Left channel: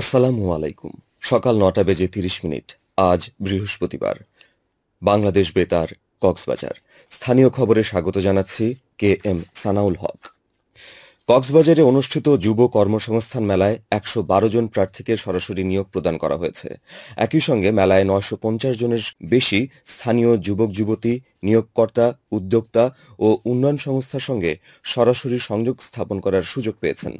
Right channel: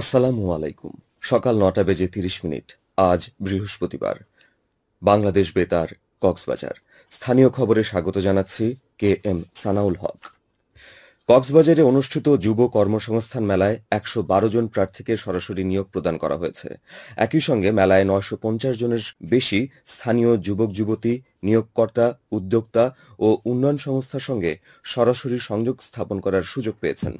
আসসালামু আলাইকুম। সকাল ৯টা বেজে ৩০ মিনিট। আজ বৃহস্পতিবার। বাংলাদেশ বেতার, কক্সবাজার। স্থানীয় খবরে স্বাগত জানাচ্ছি কে এম সানাউল হক। কক্সবাজারে অনুষ্ঠিত যুব কর্মসংস্থান মেলায় ১১২ জন প্রার্থীকে সরাসরি নিয়োগ প্রদান করা হয়েছে। একই সঙ্গে মেলায় ৯৫০ জনের বেশি স্থানীয় যুবক যুবতী, নিয়োগকর্তা, উদ্যোক্তা ও উন্নয়ন সংস্থার সঙ্গে সরাসরি সংযোগ স্থাপন করার সুযোগ পেয়েছেন।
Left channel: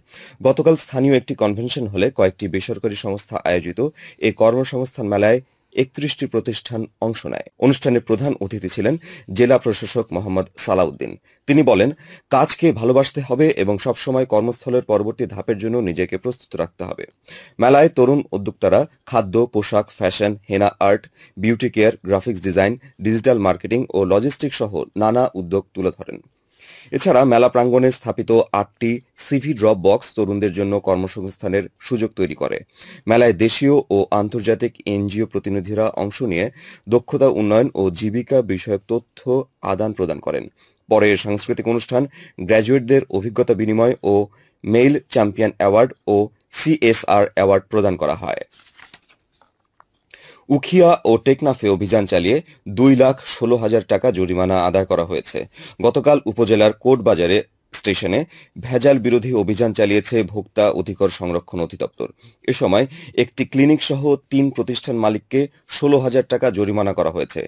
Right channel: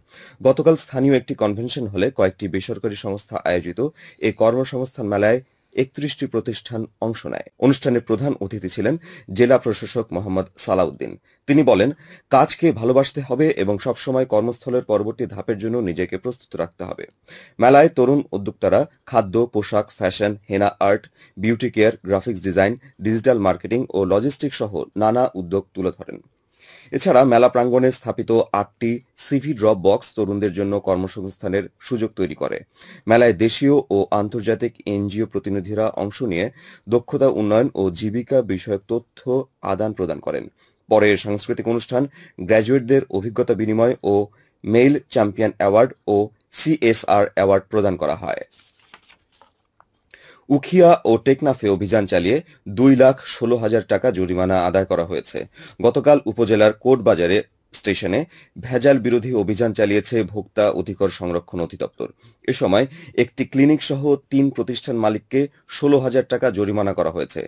গতকাল স্থানীয় একটি কনভেনশন হলে কয়েকটি বেসরকারি সংস্থা আয়োজিত এ কর্মসংস্থান মেলায় ৩১টি প্রতিষ্ঠান অংশ নেয়। অনুষ্ঠানে প্রধান অতিথি ছিলেন জেলা প্রশাসক মোহাম্মদ সালাউদ্দিন। তিনি বলেন, কাজকে ভালোবাসতে হবে এবং সবসময় কর্মস্থলের পরবর্তী ধাপের জন্য নিজেকে প্রস্তুত রাখতে হবে। মেলায় তরুণ উদ্যোক্তারা খাদ্য, পোশাক, fashion, henna art, beauty care, graphics design, digital marketing ও লজিস্টিক সহ নানা উদ্যোগ তুলে ধরেন। এছাড়া মেলা প্রাঙ্গণে স্থাপিত ৮টি সিভি ড্রপ বক্স তরুণদের জন্য কর্মসংস্থানের সুযোগ তৈরি করে। মেলায় দেশীয় ও আন্তর্জাতিক এনজিও প্রতিনিধিরা অংশ নিয়ে দক্ষতা উন্নয়ন ও জীবিকা বিষয়ক তথ্য আদান প্রদান করেন। পরে সাংস্কৃতিক অনুষ্ঠান, গ্র্যাজুয়েটদের অভিজ্ঞতা বিনিময় ও মেইল চ্যাম্পিয়ন অ্যাওয়ার্ড ও সিএসআর অ্যাওয়ার্ড প্রদান করা হয়। উখিয়া ও টেকনাফে অভিযান চালিয়ে ২,১৬,০০০ টাকা জরিমানা আদায় করা হয়েছে। গতকাল উপজেলার কোটবাজারে স্টেশনে ভেজাল বিরোধী অভিযান চালিয়েছে ভোক্তা অধিকার সংরক্ষণ অধিদপ্তর। এ সময় একটি ক্লিনিক সহ ৩ প্রতিষ্ঠান মালিককে ১৬,০০০ টাকা জরিমানা করা হয়েছে।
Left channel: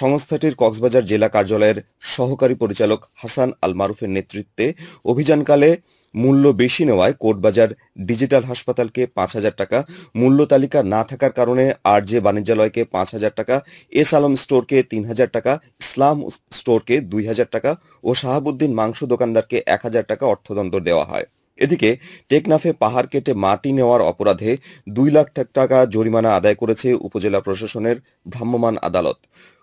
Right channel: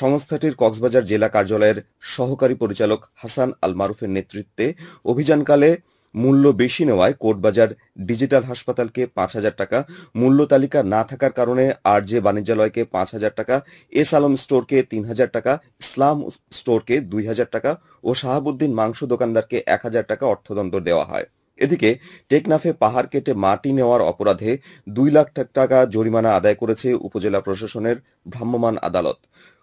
সংস্থাটির কক্সবাজার জেলা কার্যালয়ের সহকারী পরিচালক হাসান আল মারুফের নেতৃত্বে অভিযানকালে মূল্য বেশি নেওয়ায় কোটবাজার ডিজিটাল হাসপাতালকে ৫,০০০ টাকা, মূল্য তালিকা না থাকার কারণে আরজে বাণিজ্যালয়কে ৫,০০০ টাকা, এস আলম স্টোরকে ৩,০০০ টাকা, ইসলাম স্টোরকে ২,০০০ টাকা ও শাহাবুদ্দিন মাংস দোকানদারকে ১,০০০ টাকা অর্থদণ্ড দেওয়া হয়। এদিকে টেকনাফে পাহাড় কেটে মাটি নেওয়ার অপরাধে ২ লাখ টাকা জরিমানা আদায় করেছে উপজেলা প্রশাসনের ভ্রাম্যমাণ আদালত।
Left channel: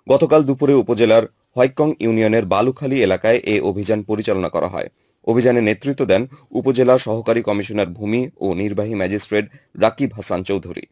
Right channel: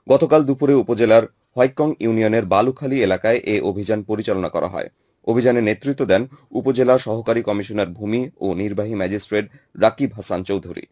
গতকাল দুপুরে উপজেলার হোয়াইকং ইউনিয়নের বালুখালী এলাকায় এ অভিযান পরিচালনা করা হয়। অভিযানে নেতৃত্ব দেন উপজেলা সহকারী কমিশনার ভূমি ও নির্বাহী ম্যাজিস্ট্রেট রাকিব হাসান চৌধুরী।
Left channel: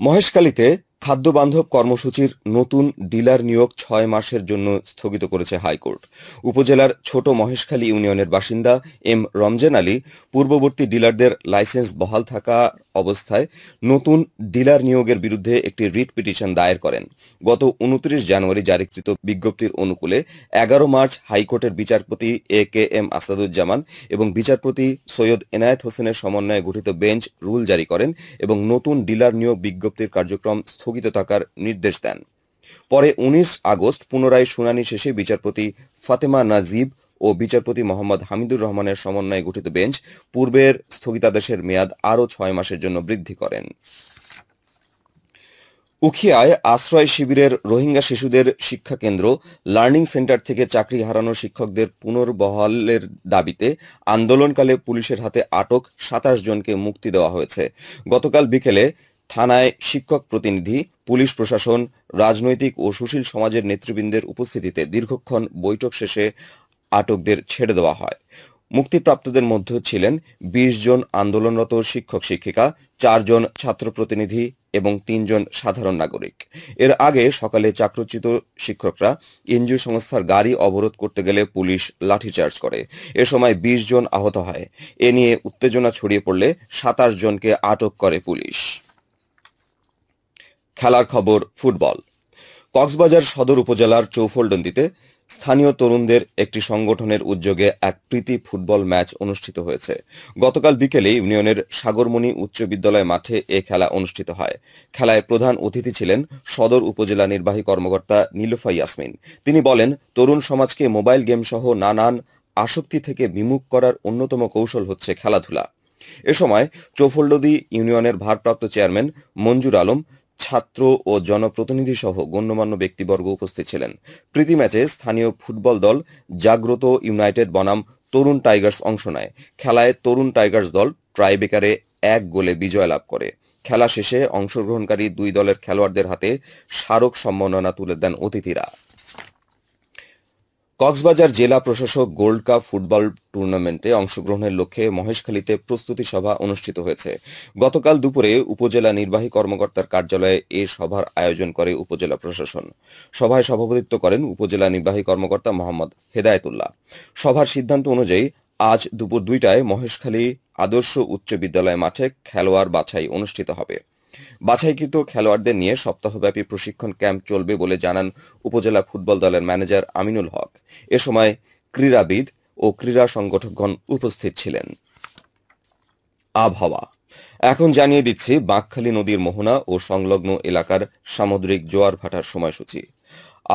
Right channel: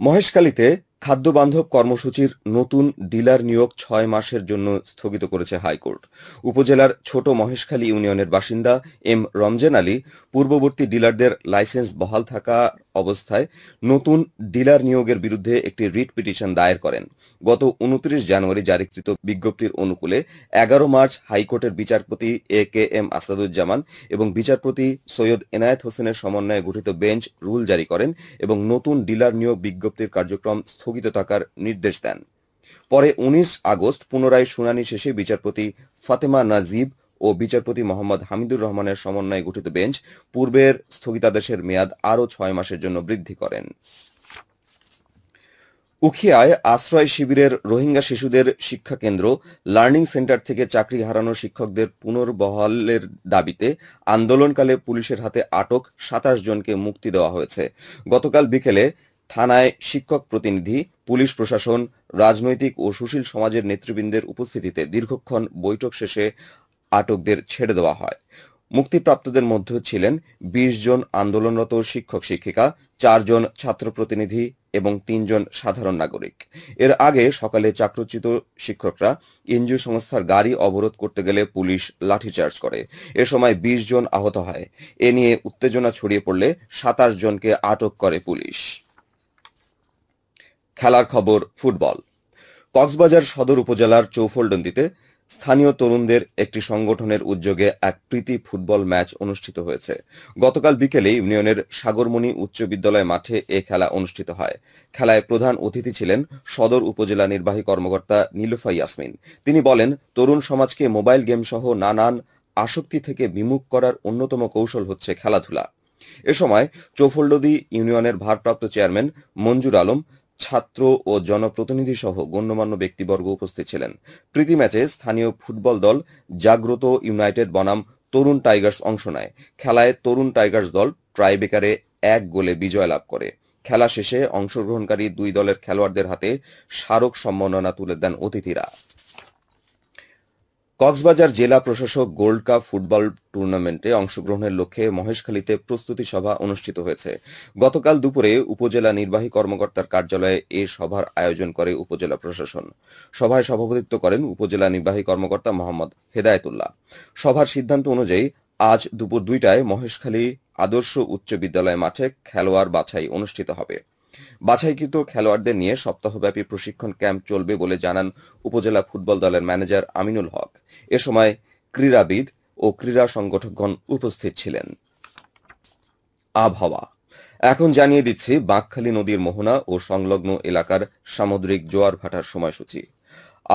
মহেশখালীতে খাদ্যবান্ধব কর্মসূচির নতুন ডিলার নিয়োগ ৬ মাসের জন্য স্থগিত করেছে হাইকোর্ট। উপজেলার ছোট মহেশখালী ইউনিয়নের বাসিন্দা এম রমজান আলী পূর্ববর্তী ডিলারদের লাইসেন্স বহাল থাকা অবস্থায় নতুন ডিলার নিয়োগের বিরুদ্ধে একটি রিট পিটিশন দায়ের করেন। গত ২৯ জানুয়ারি জারিকৃত বিজ্ঞপ্তির অনুকূলে ১১ মার্চ হাইকোর্টের বিচারপতি এ কে এম আসাদুজ্জামান এবং বিচারপতি সৈয়দ এনায়েত হোসেনের সমন্বয়ে গঠিত বেঞ্চ রুল জারি করেন এবং নতুন ডিলার নিয়োগ বিজ্ঞপ্তির কার্যক্রম স্থগিত থাকার নির্দেশ দেন। পরে ১৯ আগস্ট পুনরায় শুনানি শেষে বিচারপতি ফাতেমা নাজিব ও বিচারপতি মোহাম্মদ হামিদুর রহমানের সমন্বয়ে গঠিত বেঞ্চ পূর্বের স্থগিতাদেশের মেয়াদ আরও ৬ মাসের জন্য বৃদ্ধি করেন। উখিয়ায় আশ্রয় শিবিরের রোহিঙ্গা শিশুদের শিক্ষা কেন্দ্র লার্নিং সেন্টার থেকে চাকরি হারানো শিক্ষকদের পুনর্বহালের দাবিতে আন্দোলনকালে পুলিশের হাতে আটক ২৭ জনকে মুক্তি দেওয়া হয়েছে। গতকাল বিকেলে থানায় শিক্ষক প্রতিনিধি, পুলিশ প্রশাসন, রাজনৈতিক ও সুশীল সমাজের নেতৃবৃন্দের উপস্থিতিতে দীর্ঘক্ষণ বৈঠক শেষে আটকদের ছেড়ে দেওয়া হয়। মুক্তিপ্রাপ্তদের মধ্যে ছিলেন ২০ জন আন্দোলনরত শিক্ষক শিক্ষিকা, ৪ জন ছাত্র প্রতিনিধি এবং ৩ জন সাধারণ নাগরিক। এর আগে সকালে চাকরিচ্যুত শিক্ষকরা এনজিও সংস্থার গাড়ি অবরোধ করতে গেলে পুলিশ লাঠিচার্জ করে। এ সময় ২০ জন আহত হয়। এ নিয়ে উত্তেজনা ছড়িয়ে পড়লে ২৭ জনকে আটক করে পুলিশ। খেলার খবর ফুটবল। কক্সবাজার সদর উপজেলার চৌফলডন্দিতে স্থানীয় তরুণদের একটি সংগঠনের উদ্যোগে এক প্রীতি ফুটবল ম্যাচ অনুষ্ঠিত হয়েছে। গতকাল বিকেলে ইউনিয়নের সাগরমণি উচ্চ বিদ্যালয় মাঠে এ খেলা অনুষ্ঠিত হয়। খেলায় প্রধান অতিথি ছিলেন সদর উপজেলা নির্বাহী কর্মকর্তা নীলুফা ইয়াসমিন। তিনি বলেন, তরুণ সমাজকে মোবাইল গেম সহ নানান আসক্তি থেকে বিমুখ করার অন্যতম কৌশল হচ্ছে খেলাধুলা। এ সময় চৌফলডন্দি ইউনিয়নের ভারপ্রাপ্ত চেয়ারম্যান মঞ্জুর আলম, ছাত্র ও জনপ্রতিনিধি সহ গণ্যমান্য ব্যক্তিবর্গ উপস্থিত ছিলেন। প্রীতি ম্যাচে স্থানীয় ফুটবল দল জাগ্রত ইউনাইটেড বনাম তরুণ টাইগার্স অংশ নেয়। খেলায় তরুণ টাইগার্স দল ট্রাইবেকারে ১ গোলে বিজয় লাভ করে। খেলা শেষে অংশগ্রহণকারী দুই দলের খেলোয়াড়দের হাতে স্মারক সম্মাননা তুলে দেন অতিথিরা। কক্সবাজার জেলা প্রশাসক গোল্ড কাপ ফুটবল টুর্নামেন্টে অংশগ্রহণের লক্ষ্যে মহেশখালীতে প্রস্তুতি সভা অনুষ্ঠিত হয়েছে। গতকাল দুপুরে উপজেলা নির্বাহী কর্মকর্তার কার্যালয়ে এ সভার আয়োজন করে উপজেলা প্রশাসন। সভায় সভাপতিত্ব করেন উপজেলা নির্বাহী কর্মকর্তা মোহাম্মদ হেদায়েতুল্লাহ। সভার সিদ্ধান্ত অনুযায়ী আজ দুপুর ২টায় মহেশখালী আদর্শ উচ্চ বিদ্যালয় মাঠে খেলোয়াড় বাছাই অনুষ্ঠিত হবে। বাছাইকৃত খেলোয়াড়দের নিয়ে সপ্তাহব্যাপী প্রশিক্ষণ ক্যাম্প চলবে বলে জানান উপজেলা ফুটবল দলের ম্যানেজার আমিনুল হক। এ সময় ক্রীড়াবিদ ও ক্রীড়া সংগঠকগণ উপস্থিত ছিলেন। আবহাওয়া এখন জানিয়ে দিচ্ছি বাঁকখালী নদীর মোহনা ও সংলগ্ন এলাকার সামুদ্রিক জোয়ার ভাটার সময়সূচি।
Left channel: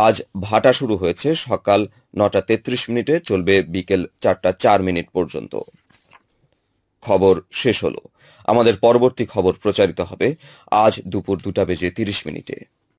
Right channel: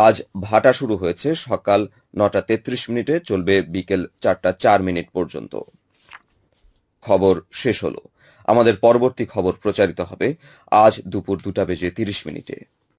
আজ ভাটা শুরু হয়েছে সকাল 9:33 চলবে বিকেল 4:04 পর্যন্ত। খবর শেষ হলো। আমাদের পরবর্তী খবর প্রচারিত হবে আজ দুপুর 2:30